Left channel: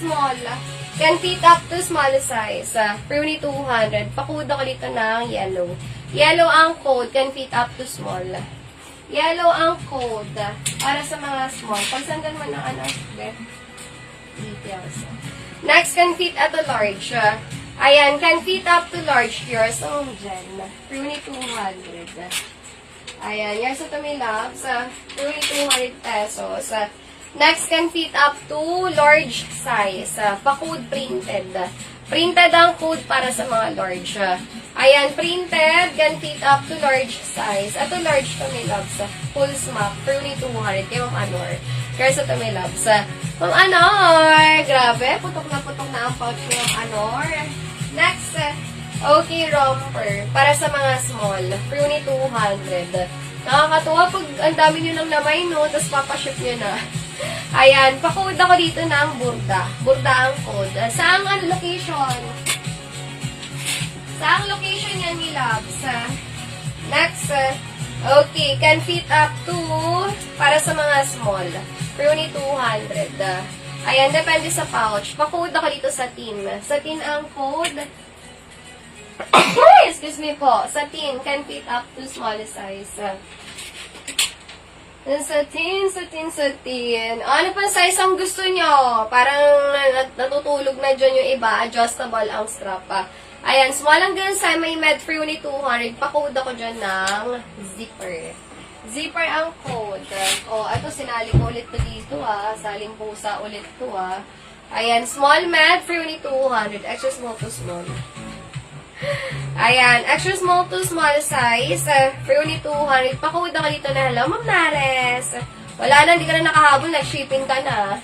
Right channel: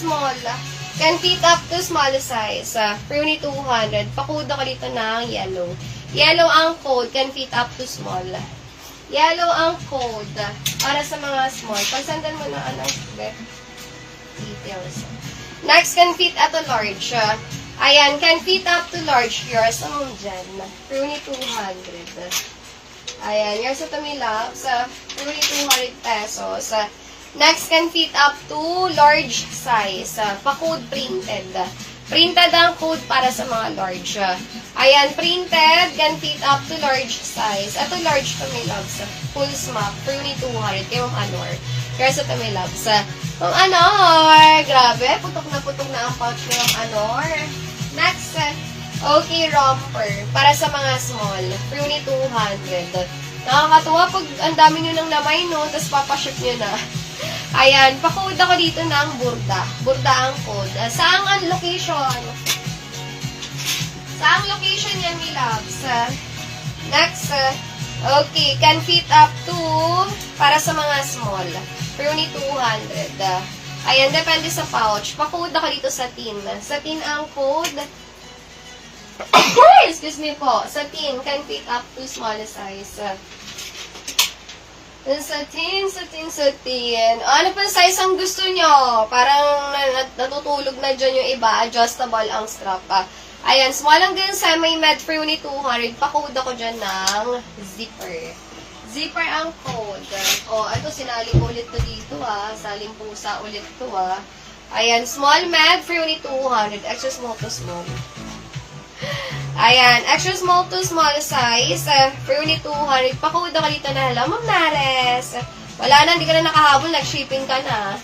small. Can fit up to small size. Pruny 200. Pakuda ko dito ng yellow. Yellow ang code. Can fit up to small. Yellow ang code. Para sa mga small. Pagsandan mo na details. Next, can fit at a large. Ayan, can fit up to large. Yours ang dyan. Pruny 200. Ayan, yours at my loves. Pruny 200 pesos. Next, can fit up to large size. Pa-code printed. Printed ang code para sa mga large. Ayan, printed, can fit up to large size. Ito large to my loves. Full smack, Pruny 200. Kay Ma'am Anor. Kaya sa to my loves. Ma'am Anor, grabe. Putok na ang pouch ni Ma'am Anor. Next, okay, romper. Para sa mga small. Pruny 200. Nakakatuwa pag ang dami nyo nang namay, no? Tapos papaship nyo na. Ayan, pa-code ako dito ng burda. Burda ang code. Saang ang location? Saang location yan, my loves? Next, okay, can fit up to, para sa mga small, Pruny 200. Ayan, depende sa pouch. Pa-code ako dito sa tin. Sa tin ang code. Excuse me po. Sa tin, can fit up to small size. Sa tin. Ano pa size ang gusto nyo? Parang natutulog na dyan yung iba. Adjustable ang strap. Ayan, small ang ganun sa may med Pruny 200. Pa-code ako dyan ng zipper. Zipper ang code. O, ito sinali ko ulit to dito Saling pusa ulit to Ayan, small med Pruny 200. Extra small to small. Ayan, extra small to small size, Pruny 200. Pa-code ako dito na, hello, Ma'am Nares. Wala na, hindi ka na nakahabol, nag-shipping ka na.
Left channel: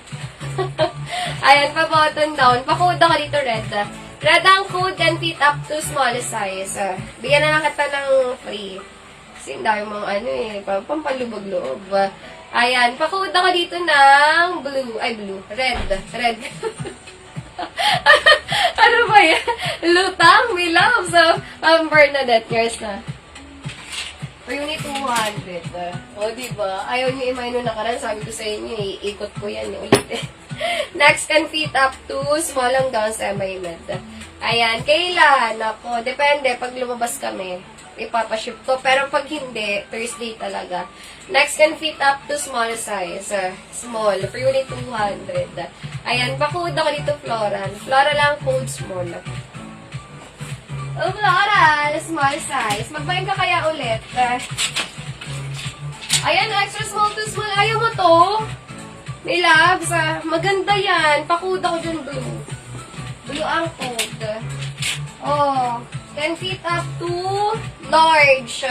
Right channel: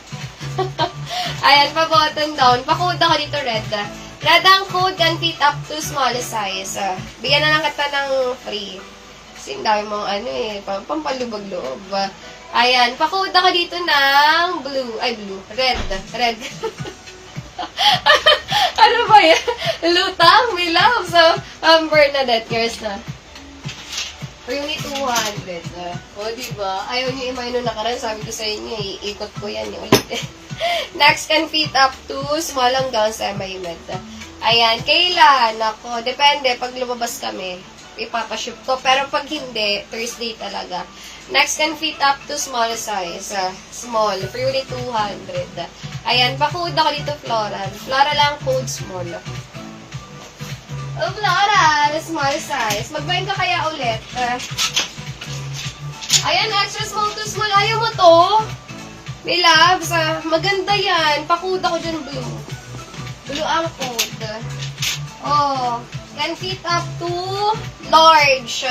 Ayan, pa-button down. Pa-code ako dito, red. Red ang code, can fit up to small size. Bigyan na lang kita ng free. Kasi dami mong pampalubag-loob. Ayan, pa-code ako dito ng blue. Ay, blue. Red. Ano ba yan? Lutang, may love. So, Bernadette, yours na. Pruny 200. O, diba? Ayaw niyo imay nung nakaraan. Sabi ko sa inyo, iikot ko yan yung ulit. Next, can fit up to small hanggang semi-med. Ayan, kailan? Ako, depende. Pag lumabas kami, ipapaship ko. Pero pag hindi, Thursday talaga. Next, can fit up to small size. Small, Pruny 200. Ayan, pa-code ako dito, floral. Floral lang, code small. Oh, floral, small size. Magbayin ka kaya ulit. Ayan, extra small to small. Ayaw mo to? May loves, maganda yan. Pa-code ako dyan, blue. Blue ang code. Oh, can fit up to large.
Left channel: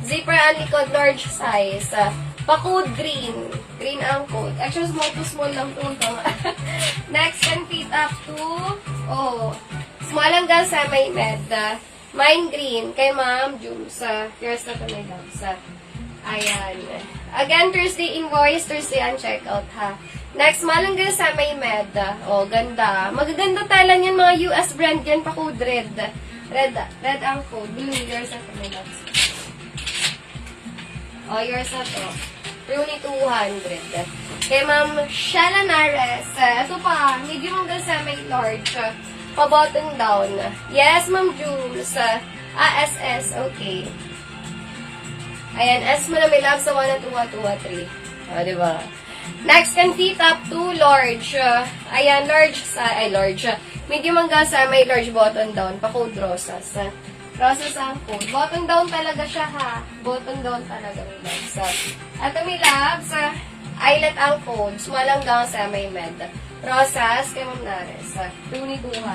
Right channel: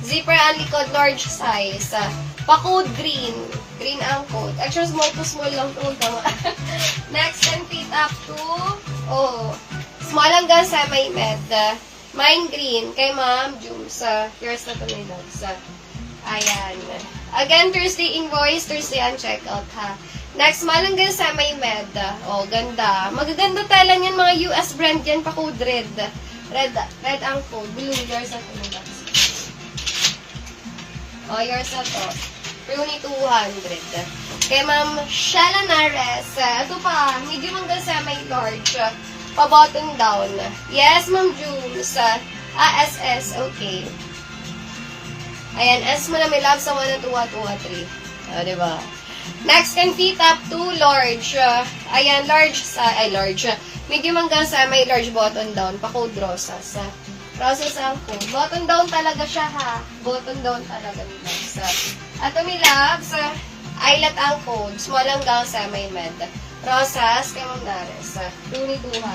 Zipper ang likod, large size. Pa-code green. Green ang code. Extra small to small lang ito. Next, can fit up to, small hanggang semi-med. Mine green. Kay Ma'am Jums. Yours na ito, my loves. Ayan. Again, Thursday invoice, Thursday ang checkout, ha. Next, small hanggang semi-med. Ganda. Magaganda talan yan, mga US brand yan. Pa-code red. Red ang code. Blue, yours na ito, my loves. Yours na ito. Pruny 200. Kay Ma'am Shana Nares. Ito pa, medium hanggang semi-large. Pa-button down. Yes, Ma'am Jules. SS, okay. Ayan, S mo na may love sa 1, 2, 2, 3. Diba? Next, can fit up to large. Ayan, large. Medium hanggang semi-large button down. Pa-code rosas. Rosas ang code. Button down talaga siya, ha. Button down talaga, may loves. At may loves, eyelet ang code. Small hanggang semi-med. Rosas, kay Ma'am Nares. Pruny 200.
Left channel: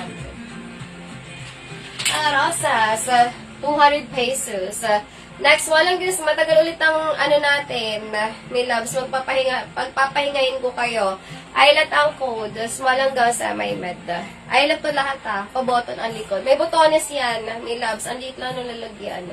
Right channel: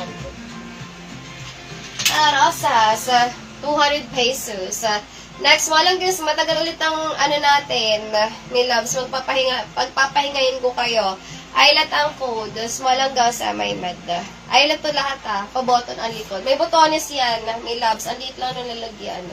Rosas, 200 pesos. Next, walang guys, matagal ulit ang natin, may loves. Pagpapahingayin ko kayo. Eyelet ang code. Small hanggang semi-med. Eyelet to lahat, ha. Pa-button ang likod. May botones yan, may loves. Ang liit lang nalalagyan.